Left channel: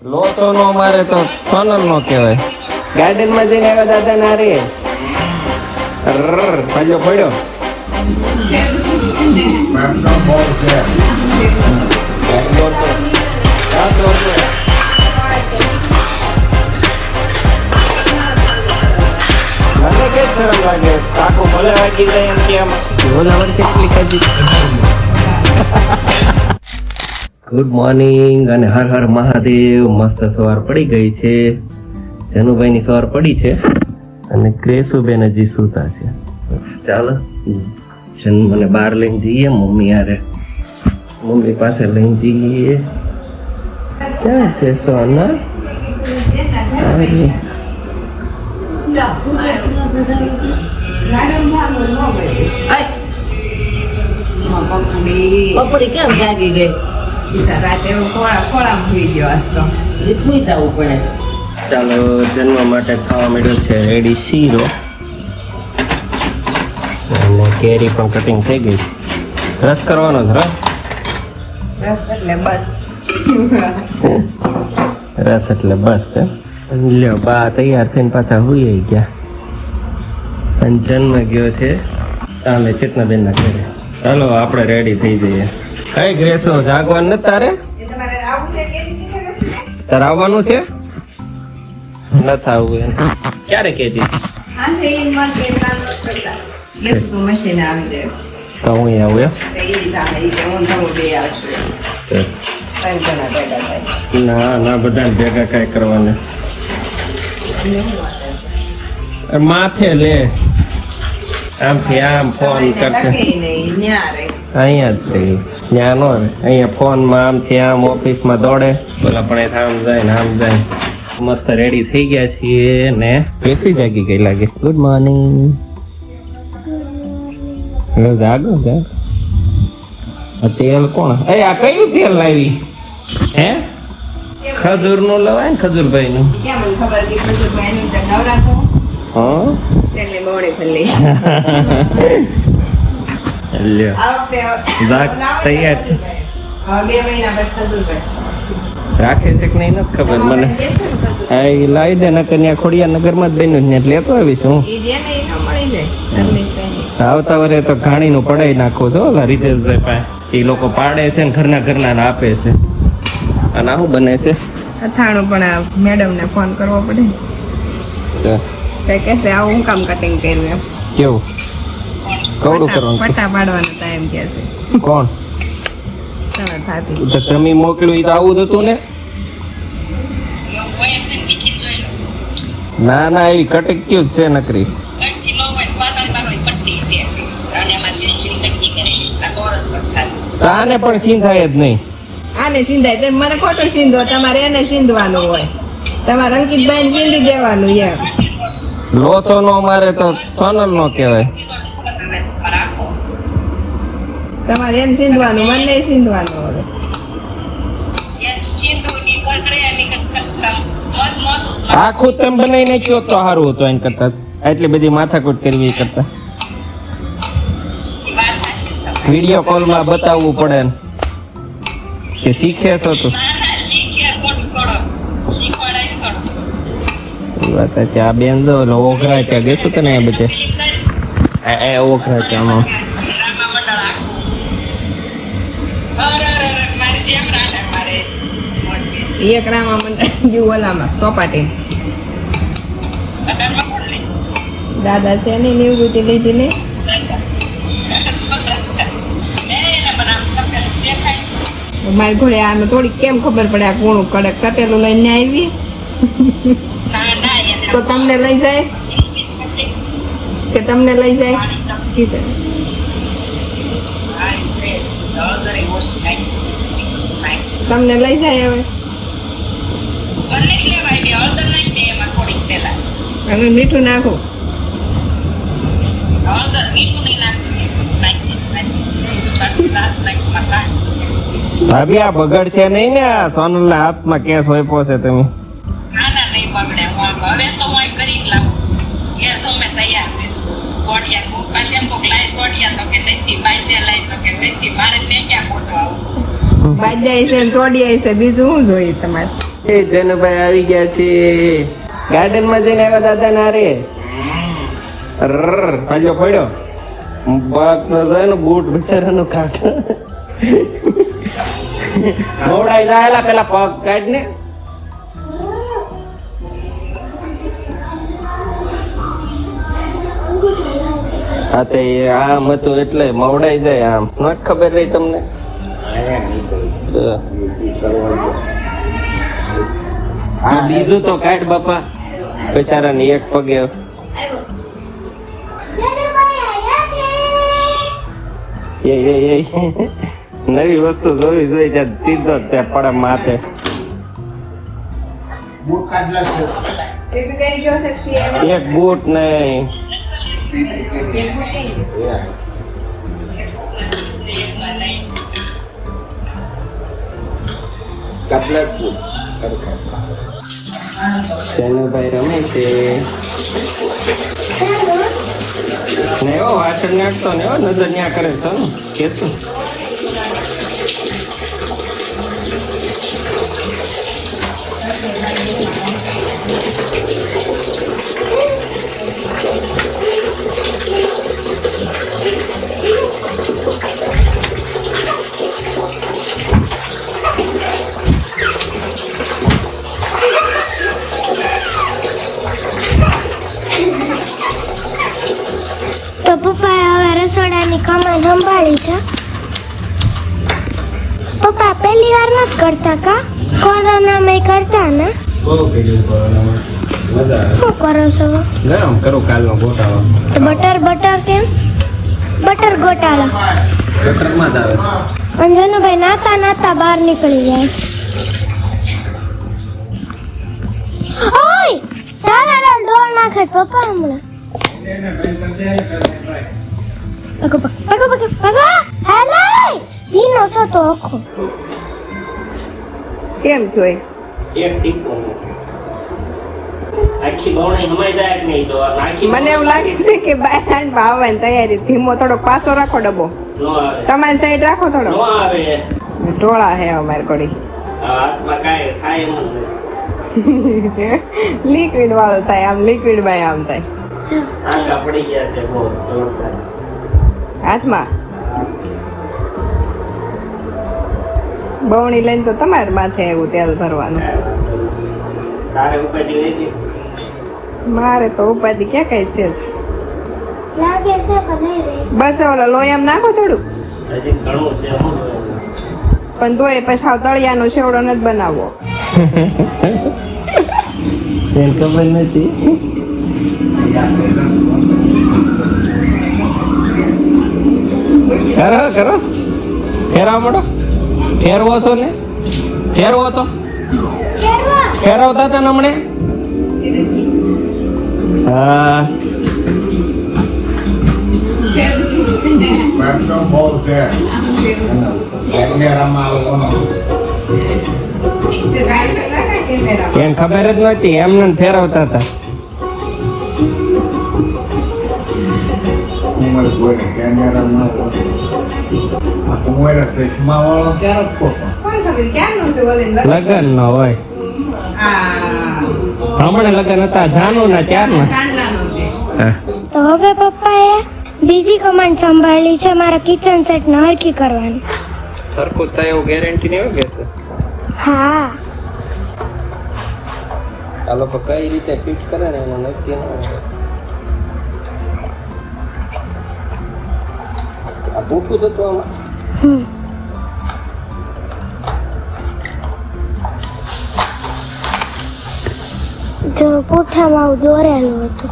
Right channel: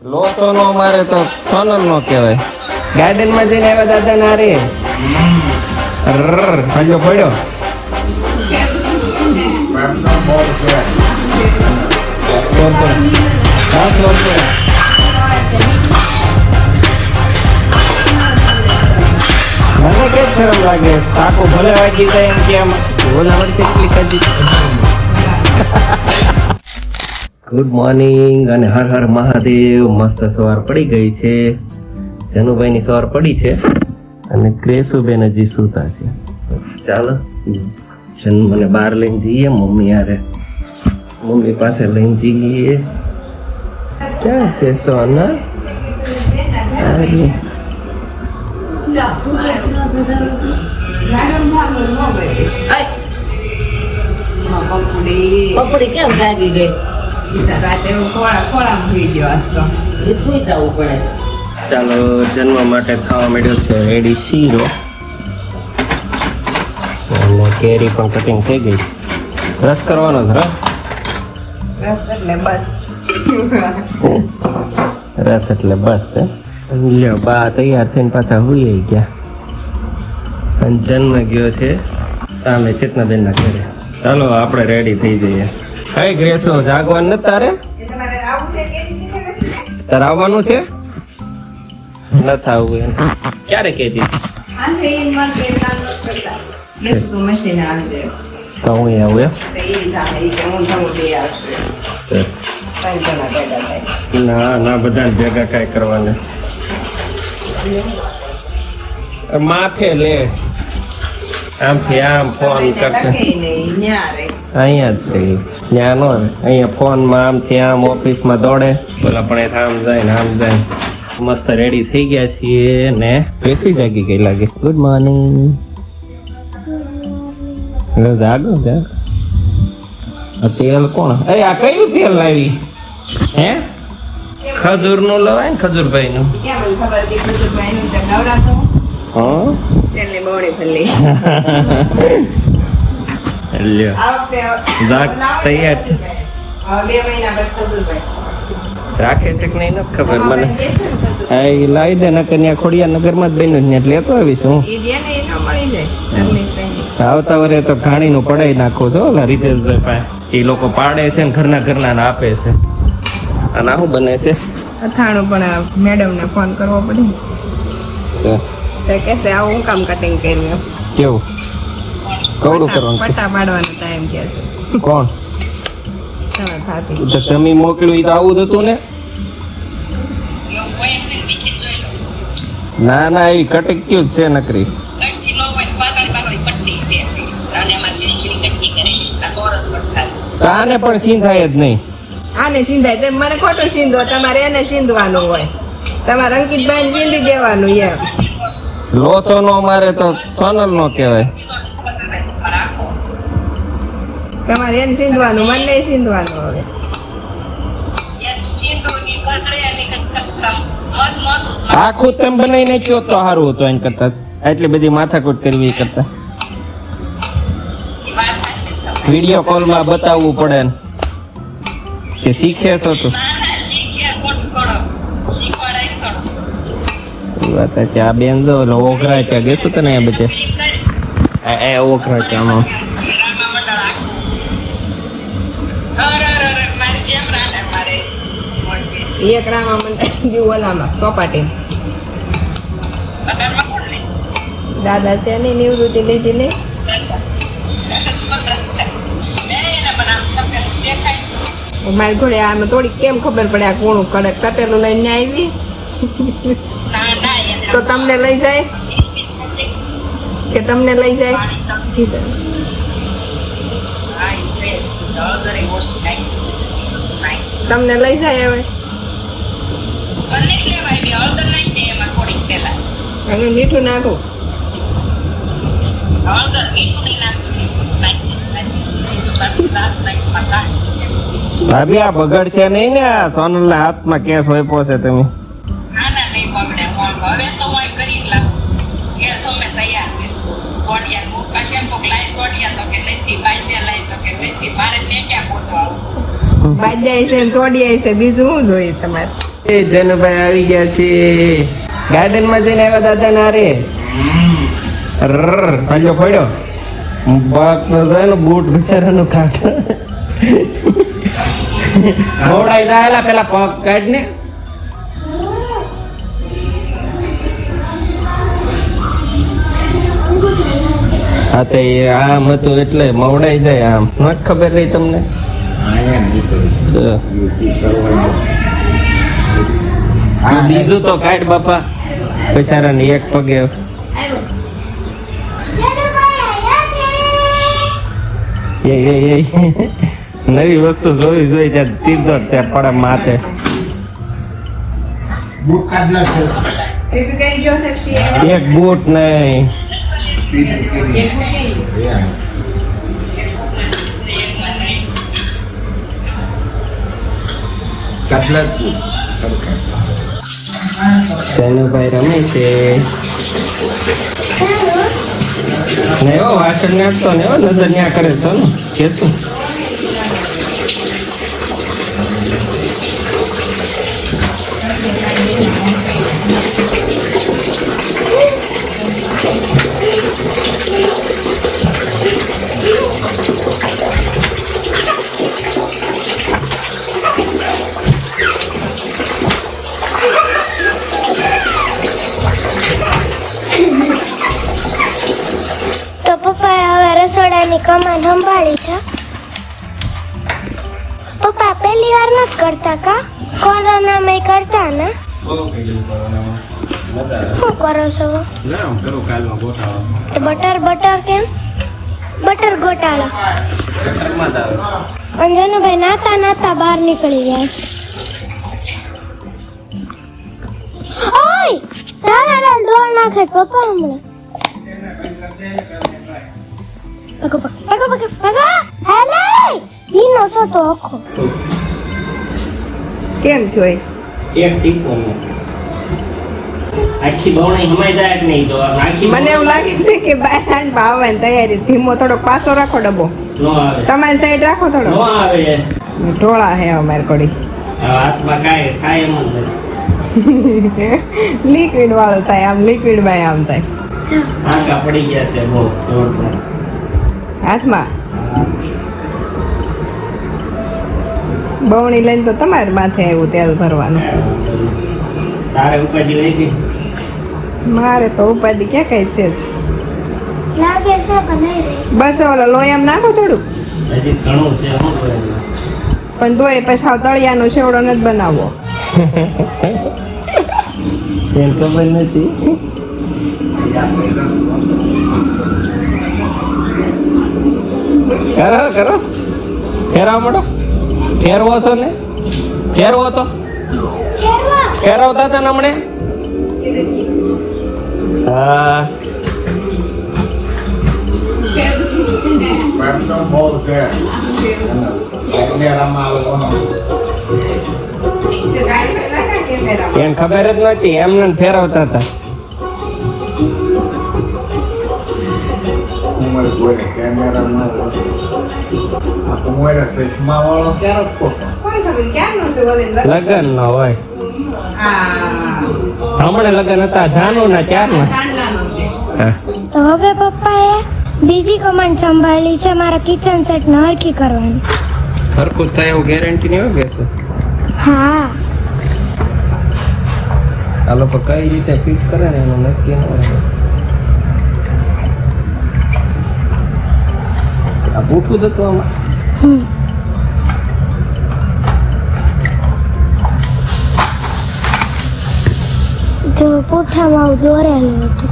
લોચો નો મારે તો ફનલ નો કહેવાય. ગાર્ડન માં જઈને આવ્યા દાદા ના રે પડ્યો પડ્યો. મને કે શરમ લાગે સાકો ભલે વાગી જાય એમ કે આમાં બોલાવર કેટલી ખાધી. ગુડ મોર્નિંગ અને હર હર મહાદેવ. મસ્ત સવાર પડી ગઈ છે. જનુભાઈ ની સવાર પડી છે અને ક્રેસુબેન હજી સૂતા છે. ચાલો મને બહાર લઈને જઈએ મમ્મી યારે. મમ્મી પાસે લઈને જઈએ. ક્યાં છે સોના? ચાલો જન્મ માટે ખાવા માંડ્યો છે રેડી શીરો. કેરી પણ કટિંગ થઈ ગઈ. રસ કરવાનો રસ એટલે બસ છે. લ્યો બા તૈયાર થઈને પાછા હુઈ ગયા. અને જન્મ ગયો છે સામે ચેતનાબેન ના ઘરે. ચાલો આપણે રેડી થઈ જઈએ. કઈ ગ્રેસો જાગવાનું નથી તારે? તારે આવવાનું છે? નથી આવવું એમ ક્યારે કહેતી? ના ના બધા ભેગા કઈ કરવાના માથે લે આમથી આમ ફોન કરશે. અહીંયા જ ત્યાં નો અહીંયા ફોન માં આમથી આમ ઓફિસ માં દોડે. બોલા પણ આમ જાય ને આમ જાય. મસ્ત રેડી થઈ ગયા છીએ ને બેસી જાગી ગઈ લાગે. Good morning. જાગો જાગ. આ તેલ કોણ? એ આ કયું તેલ લાવી? હે ખજૂર નું લવાય ને ખજૂરભાઈ નું. તૈયાર છે. રાખે છે કે નહીં નથી ખબર મને. હા એ લાવી દે. નકર ત્યાં ખોડિયા નગર માં જ બન્યું ને એટલે લેતો આવીશ હું. આવતા વરે તો ઘાણી નું પડાઈ નાખું છો રીતેશભાઈ પાસે. એ લોકો પાડે છે ને ઘરના ને આપે છે. અને આવું બને છે અથાણું. પણ આ મેડમ ને ફોન કરવો પડે. આવું કામ કટિંગ કર્યું કેવું કવડું કરવાનું પટ્ટા પાડવાનો ટાઈમ કે છે. કોણ? તમે મોકલ્યું તો આવું જ હતું ને? ના ના એ કટિંગ કેવું છે નકરી. આને પણ સિંધાય જ નહીં. આને સિંધાય તો મને ખોટો સિંધો. તમારે એને સિંધવાનો હોય. તમારે અંકિતભાઈ સિંધી દેવાનું. યાર લોચો નો મારે તો ફનલ નો કહેવાય. તમારે એને સિંધવાનું મને સિંધવાનું. આખું તેમ બનાવી નાખ્યો તો સારું હતું. એમ કરતા એટલી બધી માથાકૂટ કરવી કરતા વિડીયો કોલ માં બતાવવું પડે કે શીખે છો તું. વાત છે. આ બેન જો ઓઘરા ત્યાં ગયું તને એ બધે ઓઘરા ત્યાં એક રામા ઓલામાં ચોપાટી દાદા છે ને નિવૃત્તિ લીધી ને. મારી ઘોડે આમાં થોડીક કેમ ખબર પડે આ કોણું કડક કટેલું લઈને આવી તો તમને લઈ જાય કે તમને લઈ જાય? તમને લઈ જાય હવે. હવે મીઠું નાખું. ભાભી આ બગડ છે નહીં ને? સોનલ ના હાથમાં કેસ હોય પોસે તમે. બાજ્યા છે છોડ્યા છે બીજું શું જોઈએ તમારે? એ જનુભાઈ આવી ગયા છે ગાર્ડન માં જઈને આવ્યા દાદા ના રે પાછો પડ્યો બાપ નો જાય ને બૂટ બિચારાનું કાઢ મોડાઈ દાયેલા પેલા પગ કાઢ ને હા તો આમ હતું એટલે મવડાઈ જાય આમ ન જ ખબર રહી તમને બીજું તો કાઢ બાપા બિચારાને એક પગે નવી વસ્તુ જોઈ ત્યાં સીધો ત્યાં પડે માથે એક બૂટ નહીં જનુભાઈ રમે છે ને એવો વાસણ નાખતો ને એવો નજર ન્યા કરે છે ને કેશું રસોડાની કમાન સંભાળી છે પપ્પા પહેલી વાર નથી કરતા કા કોરોનામાં કરતા ને શું કરો છો ગરમ કરો કાલનો ગોટાળો બટર કેમ બટર ગોટાળો ગટરમાં જ આવે અંજનુભાઈ નાતા બહાર નીકળી જાય ઓય તારા ડોલ નાખે પપ્પા હમણાં કેમ જોઈ એક ટીકો આખી બહુણી હમાઈ જાય કે નહીં તો આખી મને એવું લાગે છે કે બહાર આવવાની તૈયારી ધીમો થોડોક પાછો રાખો ડબ્બો નો આવે તમારી સાઈડ રાખો થોડો નો આવે ટોળા હે અમાર કોડી હાથમાં કાંઈ ખાય એમ જ લિક્વિડ વાળું થાય આમ લિક્વિડ બાય આમ થાય આંકા પડી ગયા છે બહુ જોરદાર હાથમાં બવણી લઈને તો તમારે માથે આવ્યું તેલ ભરવાનું તારે ઉપાધિ લઈ મારે તો ઉપાધિ ક્યાં કઈ છે જ લાગે છે કે નહીં રે બસ ઓલો લોયામ નાખો થોડું હજી ઘણું છે શું પણ તોય પછી સાવ તળિયાનો શેવડો નથી બનાવવો તેલ ખબર નથી કરો ફેરવા મળો ફેરવો છો ને ફેરવો તો ફેરવતા હતા ને હમણે હા એને ખબર જ નહોતી એમને ફેરવતા હતા લગન નો હોય હમણાં લગન હતા જાનું ના ત્યારના તો હવે પપ્પાએ બીજી કમાન્ડ સંભાળી છે મારા કિચન સેટ ને હરખી કરવાની સરખું થાય એવું ગેરંટી નહીં આવે છે હા આ લોકો કઈ રીતે ફિક્સ કરે ને એનું નક્કી ન હોય આ પૂછવું જ હતું આમાં જો પૂઠામાં આવું દોરેલું હતું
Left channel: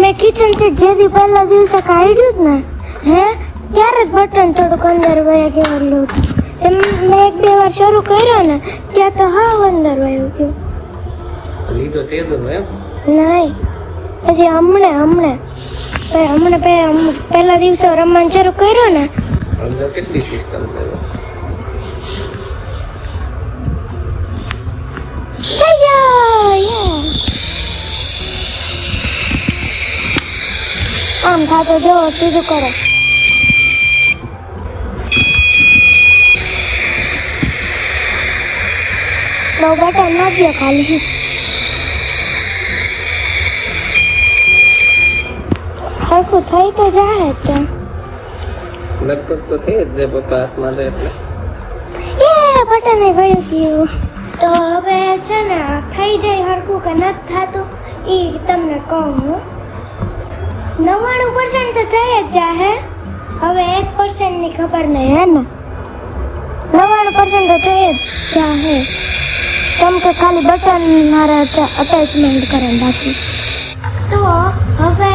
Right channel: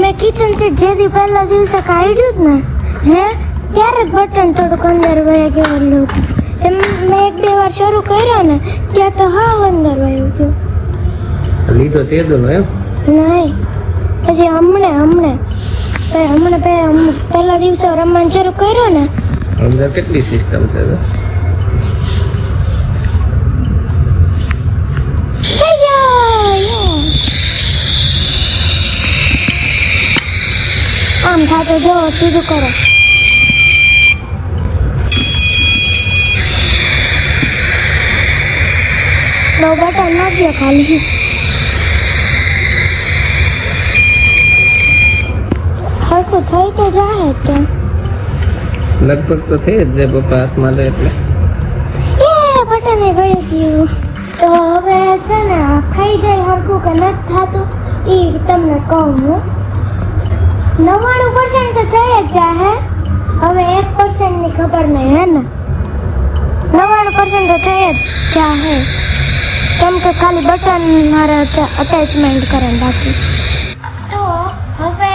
મેં કિચન સેટ જે દી પહેલા દિવસે કાઢ્યું જ ને હે ત્યારે જ બટન થોડુંક અંદર વયા ગયેલું હતું મેં એક બે વાર શરૂ કર્યો ને ત્યાં તો હા અંદર વયું ગયું લીધો તે દોનો એમ નહીં હજી હમણાં પહેલા દિવસે રમવાનું શરૂ કર્યો ને અંદર કેટલી સિસ્ટમ છે આમ થાતો જો સીધું કરો લો બટન નાખીએ ખાલી. હરખું થઈ તો જાય જ તે. લગભગ તો થઈ જ જાય પપ્પા હાથમાં લે એટલે. એ બટન એ ગયું ગયું. તો હવે છે ને થઈ જાય હરખું કે નથી થતું એ તમને કહું હું. 99% તો થઈ જ જાય. હવે 1% ની ખબર નહીં હે ને. 99% તો થઈ જ જાય. કેમ કે ખાલી બટન મારે અટેચમેન્ટ કરીને રાખીશ. તો હવે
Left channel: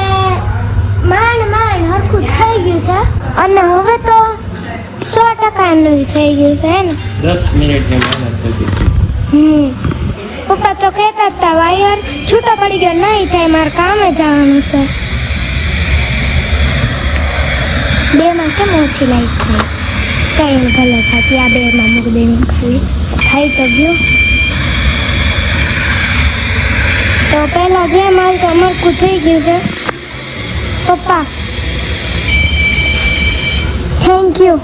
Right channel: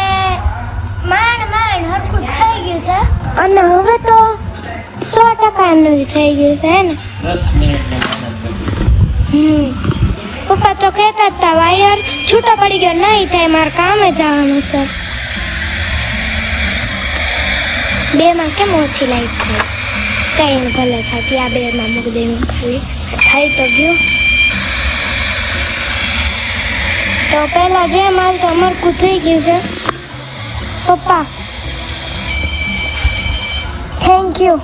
માંડ હરખું થઈ ગયું છે અને હવે તો 100% નું થઈ ગયું છે હે ને. 10 મિનિટની મહેનત થઈ. પપ્પા તો કહેતા હતા વાયર છૂટો પડી ગયો નહીં થાય મારે કામે જવાનું છે. બેમાં કેમ ઓછી લાઈટ થાય કઈ ભલે થતી આ બેમાં મૂકી દેવું ખાલી થાય તો ગયું. તો પહેલા જે માલ તો મરકું થઈ ગયું છે. પપ્પા થેન્ક યુ.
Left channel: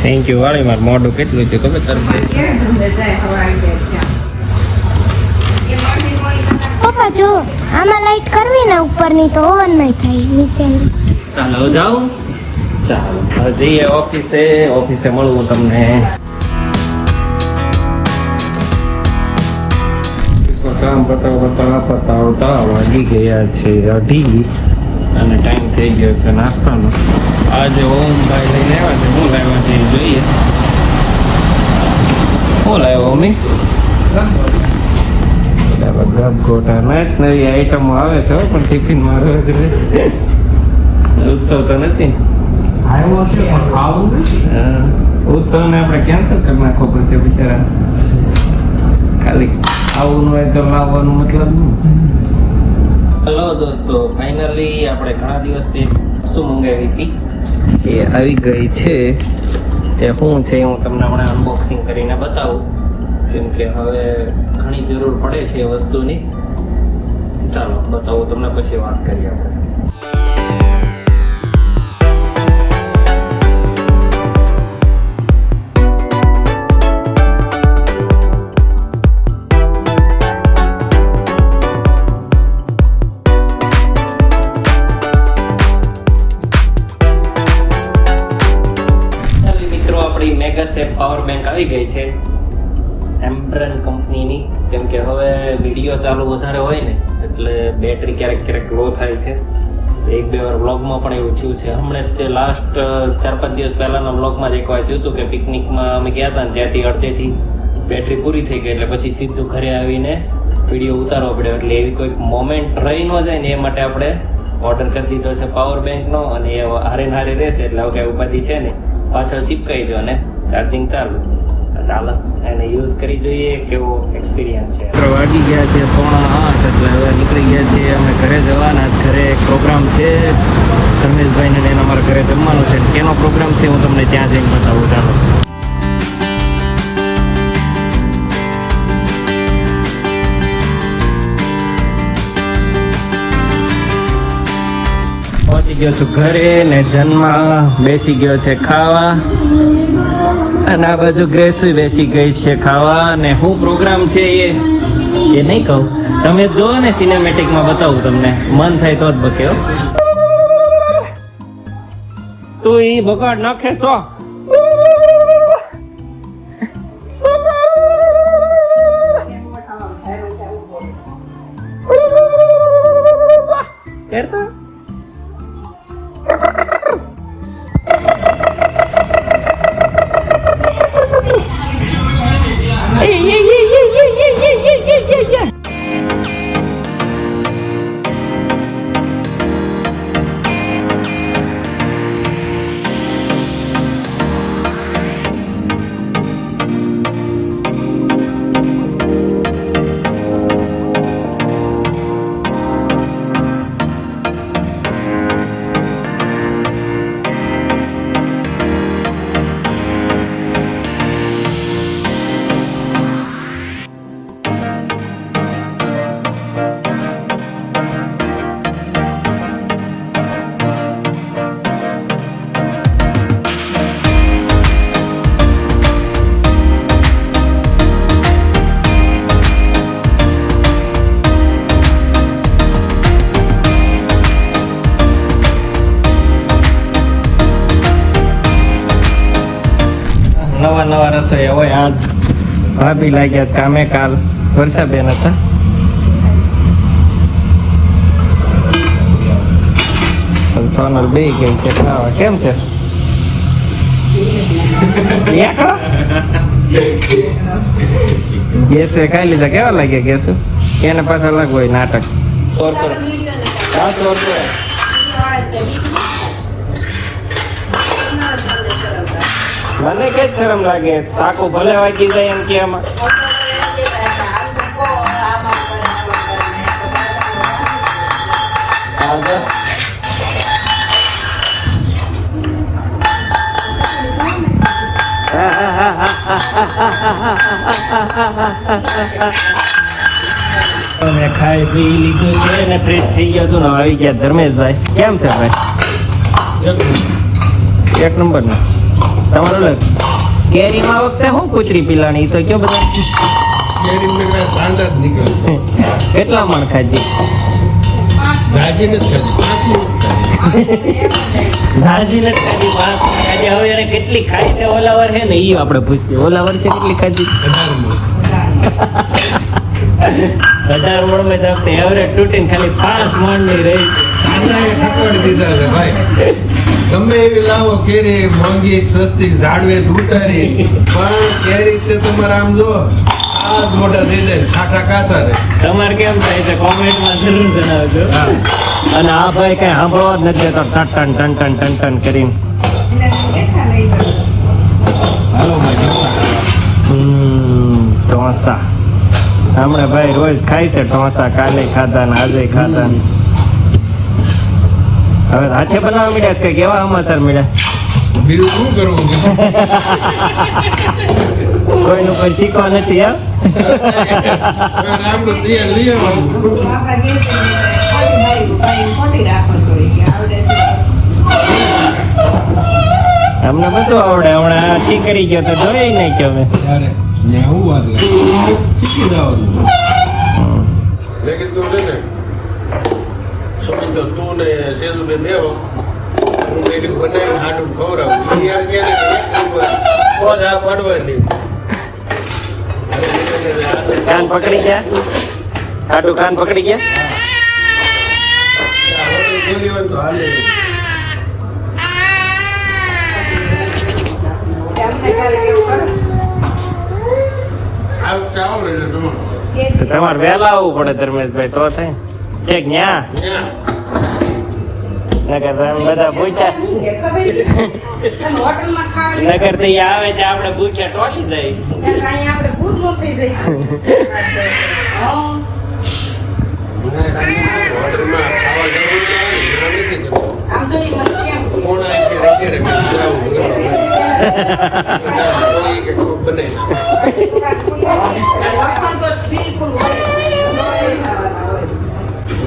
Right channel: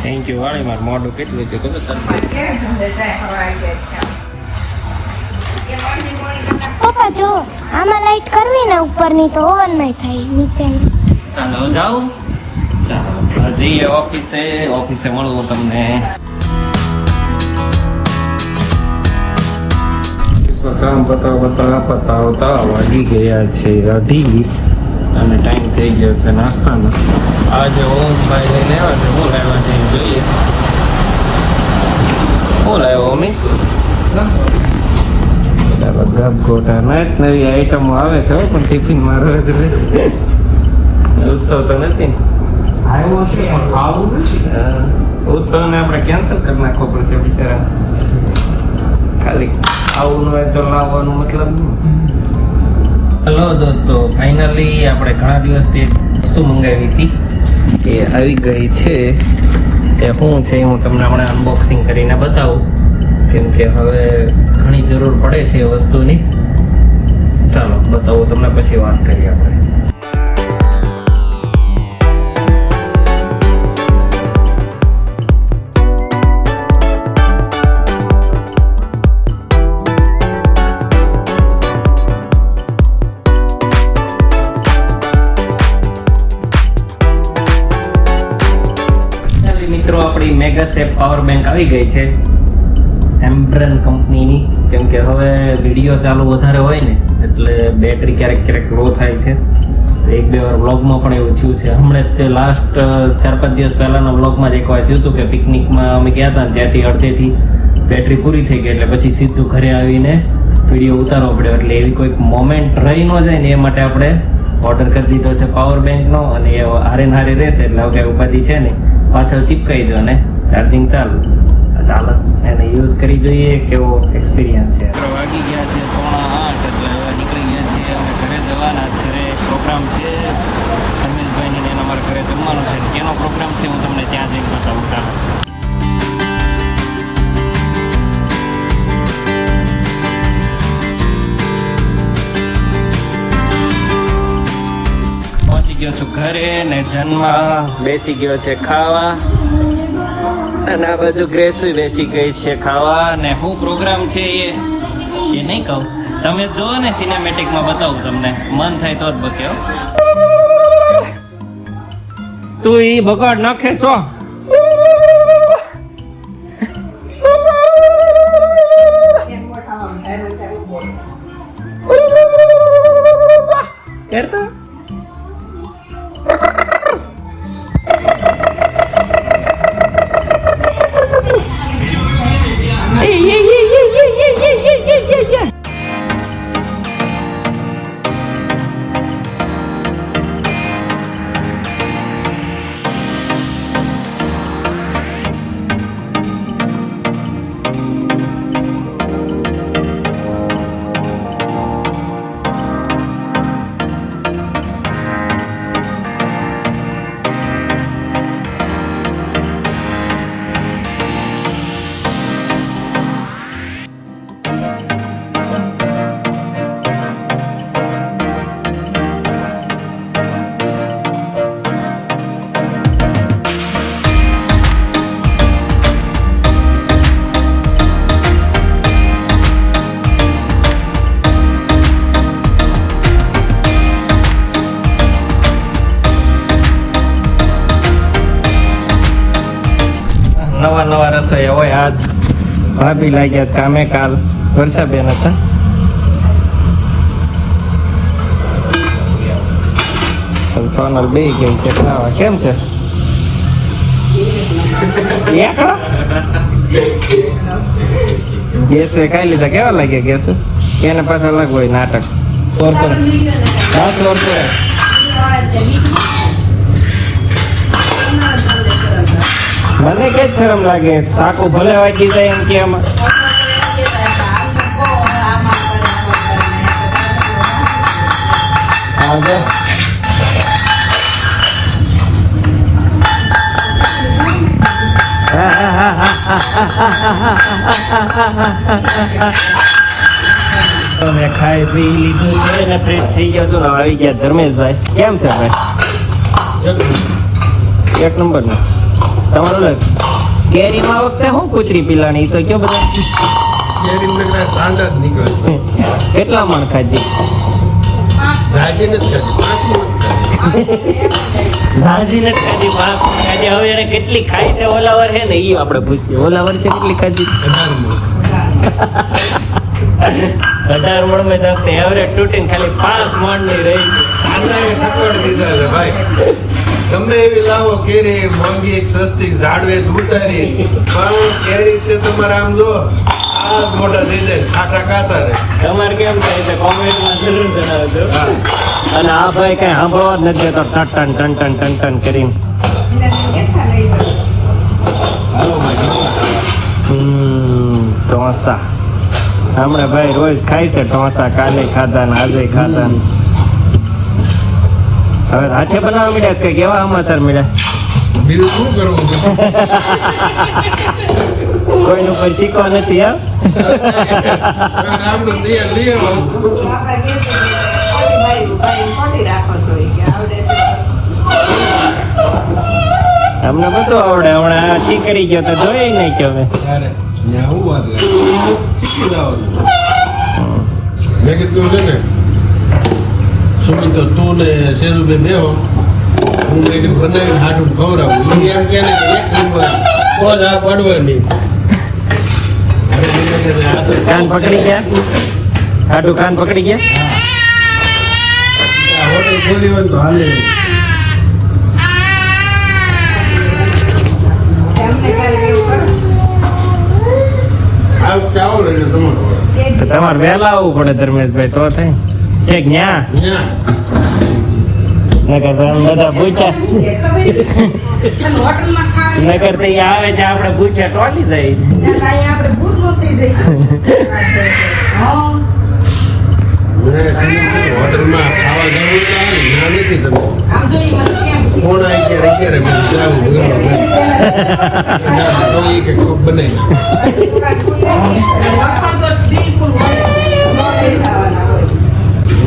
થેન્ક યુ વાળી માર મોઢું કેટલું છે ખબર તારે? પપ્પા જો આમાં લાઈટ કરવી ને ઉપરની તો ઓન નહીં થાય નીચેની. ચાલો જાઓ. ચાલો હવે જઈએ ઓફિસે મળું તમને. કામ પતાવતા વાગી ગયા છે 8 અને ટાઈમ થઈ ગયો છે નાસ્તાનો. આજે ઓમભાઈ લઈને આવ્યા છે. શું લાવ્યા છે જોઈએ. શું લાવ્યો મમ્મી? ગોટા નવી આઈટમો આવે છે પણ ટિફિનમાં રોજ ઉત્સવ તો નથી. ઉત્સવને આપણે કેન્સલ કરી નાખવો પડશે બિચારા. ખાલી આવું ન હોય તો લાવવાનું મતલબ. હેલો દોસ્તો, ફાઇનલી આપણે ઘણા દિવસથી વસ્તુ મંગાવી હતી એ આવી ગઈ છે. એ શું છે હું તમને હમણાં અનબોક્સિંગ કરીને બતાવું કેમ કે હવે ઘણી જરૂર પડે છે એ વસ્તુની. ચાલો બતાવું તમને પછી વાત કરીએ આપણે. મેગાસેફ પાવર બેંક આવી ગઈ છે એમ્બ્રન કંપનીની. કેમ કે હવે વિડીયો ચાલુ વધારે હોય ને એટલે બેટરી ક્યારેક લો થાય છે. 1-2 વાર વ્લોગમાં પણ એવું થયું છે. હમણાં તે લાસ્ટ 4-5 દિવસ પહેલાના વ્લોગમાં જ એકવાર થયું હતું કે પિકનિકમાં અમે ગયા હતા ત્યાંથી અડધેથી બેટરી પૂરી થઈ ગઈ એટલે પછી સીધું ઘરે આવીને વિડીયો ઉતારવો પડ્યો. એટલે એવી કોઈક મોમેન્ટ રહી ન જાય ને એ માટે આપણે ઓર્ડર કરી દીધો છે પાવર બેંકનો અને એ હારે રહેશે એટલે હવે કાંઈ ઉપાધિ છે ને પાછળ ચીપકાઈ દો અને ચાર્જિંગ ચાલુ. ચાલો એને યુઝ કરી જોઈએ કેવો એક્સપિરિયન્સ છે. વાગી ગયા છે 7:45 એટલે હવે નીકળી ગયા છીએ અમે ઘરે જવાના. ઘરે પ્રોગ્રામ છે ધર્મેશભાઈને જઈને અમારા ઘરે જમવાનું છે. કેનો પ્રોગ્રામ છે હું તમને ત્યાં જઈને બતાવું. ચાલો પહોંચી ગયો છું ઘરે ને જન્મા બેસી ગયો છે ખાવા અને આ બધું ગ્રેસુય બેસી ગઈ છે ખાવા. ને શું પ્રોગ્રામ છે એ નહીં કહું, તમે જો ને સિનેમેટિકમાં બતાવું તમને. મન થાય તો જ બતાવો. તું એ બગાડ નાખે છો. કરતો નવા રસોઈ હોય આજ ભાભી લાગ્યા કામે કાલ વર્ષાબેન હતા બે ગઈ છે ખાવા કેમ છે ગેસ ખાઈ લીધા કેવા લાગ્યા ગેસ એને પાછા અલગ હોય નાટક સોર પર હા સોર પર મને કે શરમ લાગે સાકુ ભલે વાગી જાય એમ કે આમાં મેં ખાઈ પી લીધું છે ને ફ્રેશ થઈ ગયો છું ને આવી ગયા ધર્મેશભાઈ કેમ છે ભાઈ એક નંબર ને તમારું લાગ કેરીમાં વખતે હું કૂતરી પીલાણી તો કયો બધા કેરી મને સાંડા જ નીકળે કેટલા મણ ખાધી સાજી નથી ખાધી 5 ઝાજી મિનિટ ખાધી નથી ખાધી 5 મણ ખાધી હવે એને કેટલી ખાઈ છે ઓલાવર હે ને એ આપણે પૂછીએ ઓલાવર છે કેટલી ખાધી 18 18 મણ મણ મેં તો એવરેજ તૂટીને ખાલી 5 મણ ની રહી સાંડાએ ઠપડ દીધા છે ભાઈ તમને એવી લાવો કેરી મોંઘી સસ્તી ઝાડવે ઉતારી પણ કેરી તે તમારે આમ લો આ મોટા થઈ જાય ખાટા કાસા ને તમારે કેમ થાય છે કોમેન્ટમાં જરૂર જણાવજો અને આ ભાઈ કઈ સાંભળો જ નથી તો ton ton ton ton ton ton કરીને ઢોસા હમણાં ભાઈ રોજ ખાય છે ઢોસા કાલે ખાધા ને આજે ખાધા ને હાથે બનાવવા મળ્યા કે કેવા સમાચાર મળ્યા બીજું શું કરવું કોઈનું કોઈ શીખો નથી હા આપણે તૈયાર લઈ આવવાનું અમને બધું આવડે હમણાં શીખડી ગયો તો જોઈ નહીં કે હવે ત્યારે ત્યાં હું વાત મેં કીધું છે ને સુમિતો તું ને શેરુબેન બેહો હું મેં કીધું બનાવીને હાડું ખવડાવું એ એમ કે ને કે એક નંબર કોઈ આ પડવાની કાન પકડી ગયા કાઢું કાન પકડી ગયા હોટલ ખોલી હોય તો હાલે આવો એટલે તમારે તમારે વહેલા આવવું પડે ધર્મેશભાઈ તો થાય ઠીક ન્યા નકર તમે બધા પૂછ્યા નકર તો ઈ આવે છે આપણે પૂછ્યા ટોલી જાય હોટલમાં ખાવા જવું ના નથી તમે કોણ આવી ગયા મેં જાવું તો એ કે કોક બને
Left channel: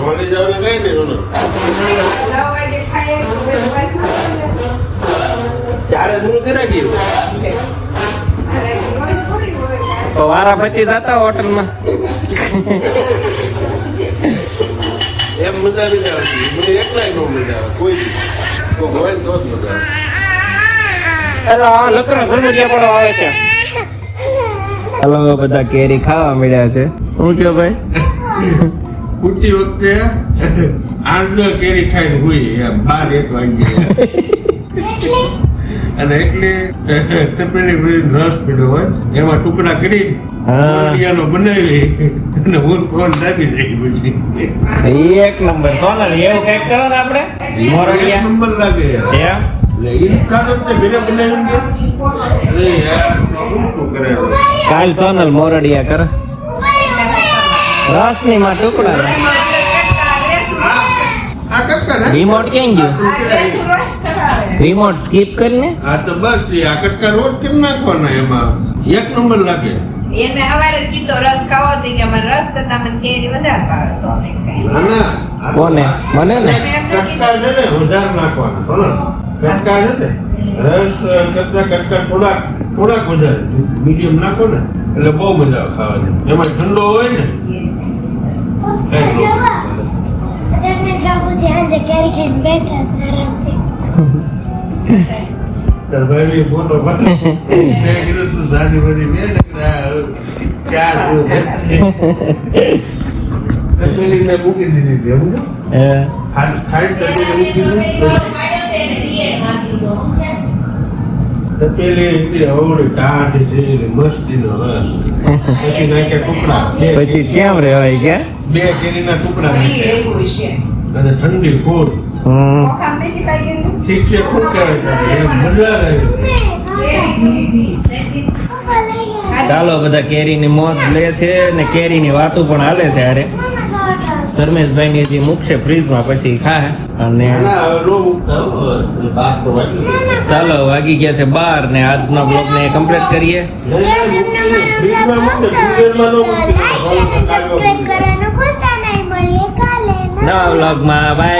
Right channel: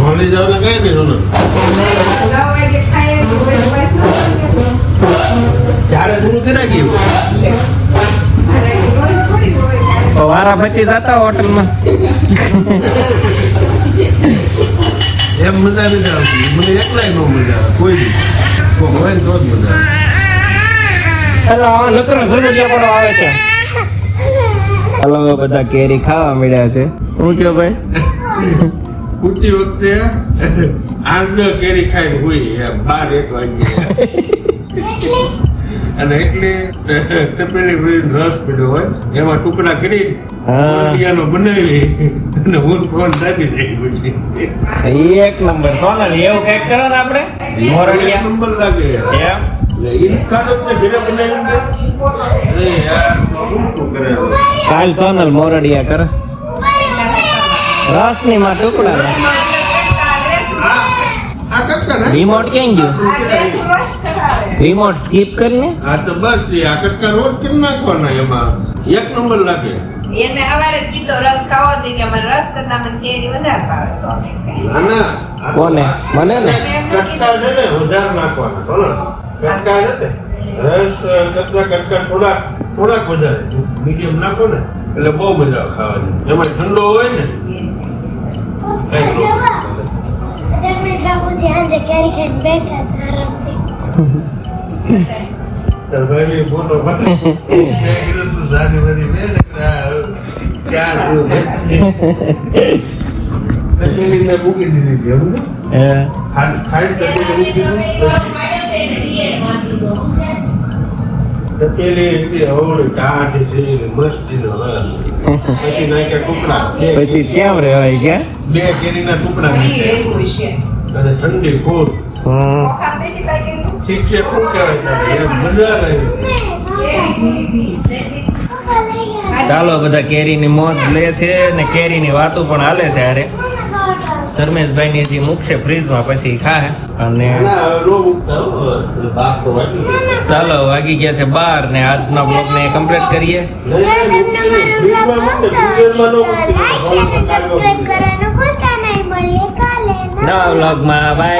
હોલી જવાના કઈ નહીં રોનો ત્યારે શું કરા ગયું વારા પછી જતા હોટલમાં એમ મજા નથી આવતી મને એકલાય નો મજા આવે કોઈ કોક હોય ને તો જ મજા આવે લકડા ભરગડિયા પણ આવે છે બધા કેરી ખાવા મળ્યા છે હું કયો ભાઈ કુટી વખતે આંધો કેરી ખાઈને હોય એમ 12-1 વાગે અને એટલે ટીપણી રસ પડ્યો હોય એમાં ટુકડા કરી ઓલિયાનો બનાવી અને હું કોણ દાદી થઈ પછી એક નંબર સોનલ એવું કઈક કરો ને આપણે મોરડિયા નંબર લાગે એમ ઈ ખાધો તે ઘરે બનાવીને અરે યાર શું કરે કાલ સોનલ મોરડિયા કરો રસની માં ટુકડા નાખ. આ કરતા ને રિમોટ ક્યાં ગયું રિમોટ સ્કીપ કરીને આ તો બસ આ કટકા રોજ કેમ નાખવાનો એમાં એક નંબર લાગે એને હવારે કીધો રસ ખાવો હતી કે મને રસ તો તમને કેરી વધારે ભાવે તો અમે ખાઈ. કોને મને ને કટકા છે ને વધારે નાખવાનો કટકા છે ને રસ કટકા થોડાક વધારે મીડિયમ નાખો ને એટલે બહુ મજા આવે ખાવાની એમાં ઠંડો હોય ને તાર ભાઈ ફોટો પછી મેં કીધું તું જાન્યુઆરી મેં ક્યાં તપેલી મેં મૂકી દીધી હતી એવું ને? ખાઈ તપેલી મૂકી તપેલી હતી હોળી ટાઢ છે મસ્તીનો રસ પછી નાખ્યા ટુકડા પછી કેમ રેવાય ગયા? બે કેરીના ટુકડા નાખ્યા અને ઠંડી કોટ ઠીક છે શું કહેવાય તને? એમ મજા આવી. ચાલો બધા કેરીની મોજ લે છે ને કેરીની વાતો પણ હાલે છે. અરે ધર્મેશભાઈ ની હજી મૂકશે ફ્રીજમાં પછી ખાય. અને ચાલો વાગી ગયા છે 12 ને આજનો બ્લોગ ને કમ્પ્લીટ કરીએ. નવા બ્લોગમાં બાય.